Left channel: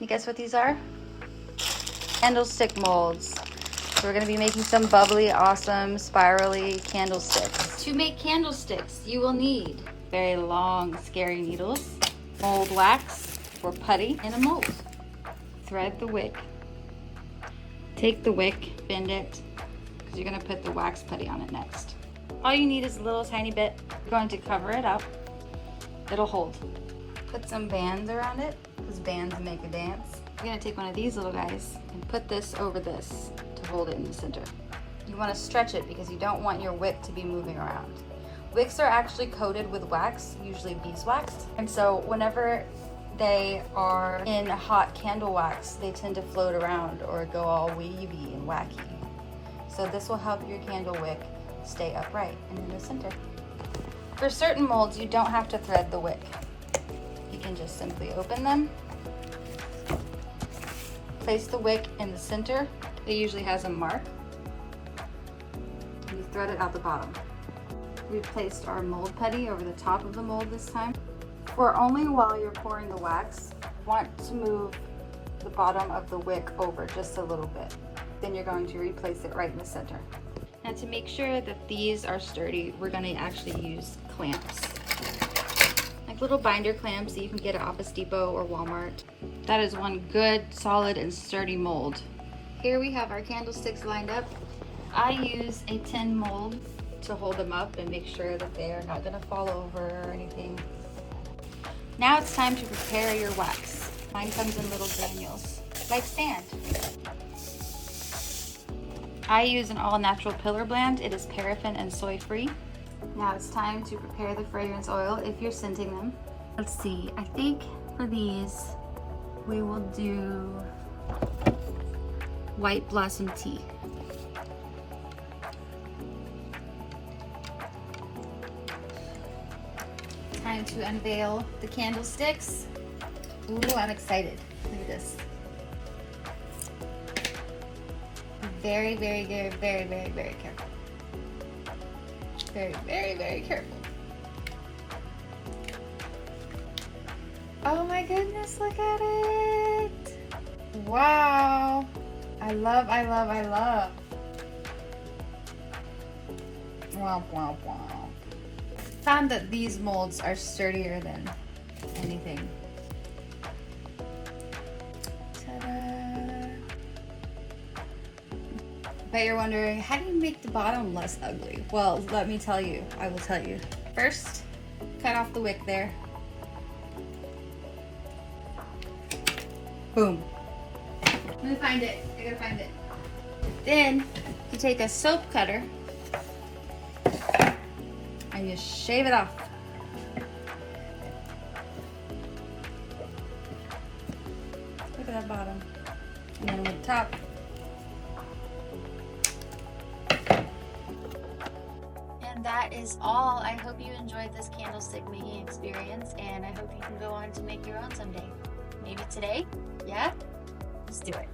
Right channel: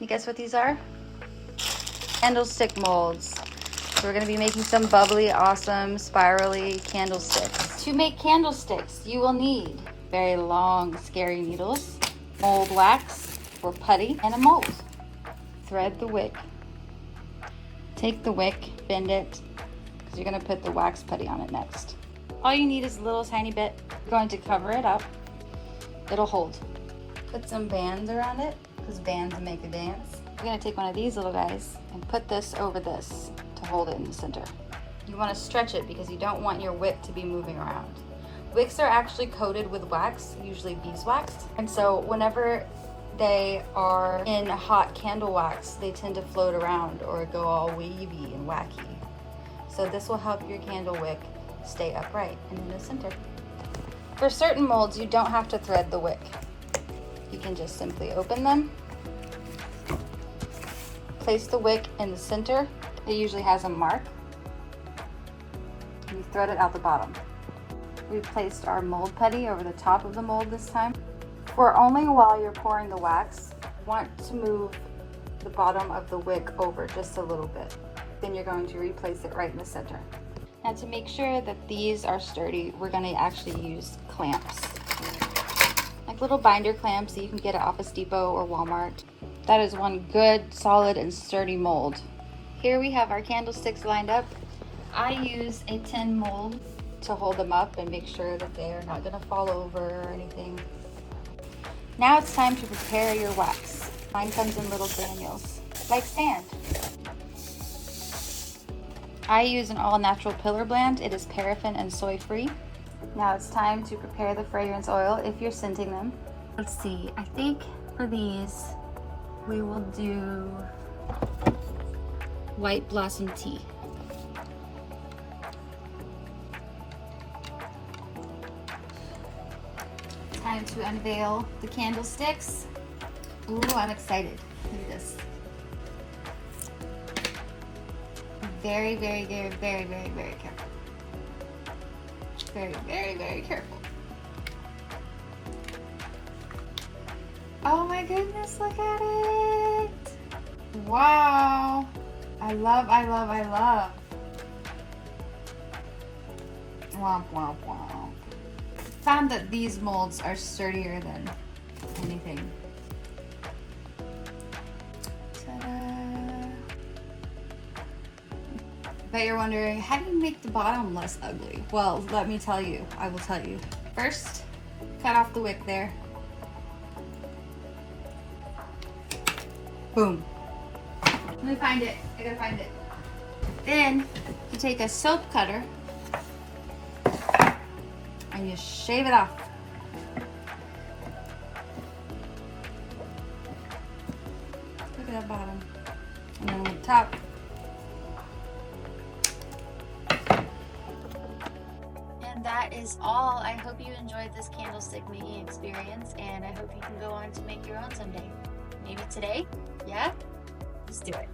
you guess what these are? Candlestick molds. So we're gonna be making some bubbly, awesome, spirally candlesticks. To make candlesticks, you will need very long, scary needles, mold wax or putty, and a mold. Thread the wick. Take the wick, bend it, because you're gonna put the wax putty on it next. All you need is a little tiny bit. You're going to cover it up. It'll hold. Put some bands around it, because bands make a dance. You're gonna take one of these little guys and put this over this to hold it in the center. You wanna stretch it because you don't want your wick to be moving around. Wicks are actually coated with wax, usually beeswax. And so whenever they are in hot candle wax, they tend to float around or go all wavy and wacky. So this will help your candle wick stay upright and in the center. For certain molds, you don't have to thread the wick. You can just simply open them, place the wick in the center. It usually has a mark, and you thread it out the bottom. We've placed our mold putty over the top of the mold this time. For only while you're pouring the wax, you want to move the bottom of the wick over just a little bit. Then you're going to replace it right in the center. Now to make sure that these are sturdy, we're going to actually use clamps. Like little binder clamps that you can get at Office Depot or Walmart. That is one good, solid, and sturdy mold. Here we have our candlesticks lined up. I use a tin mold to hold them up and make sure that they are not going to fall over or anything. Now it's time to prepare your wax. Mine comes in little granules, like sand. I use an all-natural pillar blend. It is paraffin and soy-free. Now it's time to prepare the fragrance oil if you're scenting them. Let's see, I think for these, we will do white blossom tea. Time to unveil the candlesticks. Ooh, I'm excited. Look at this. Very, very, very, very, very, very careful. Very, very, very careful. Oh my goodness, look at it. Wow. I love. Womp, womp, womp. Found that these molds are sturdier than anything. Ta-da! Bet you're wondering, how do you make the bottom less ugly? Well, let me tell you. I will tell you. First, cut off the wick there. Boom. Let me find it. I gotta find it. Then, you take a soap cutter and you shave it off. Look at that bottom. And then with the top. And that is all. I hope you enjoyed this candlestick making experience, and I hope you can go on to make your own someday. Maybe today? Yeah? Let's do it.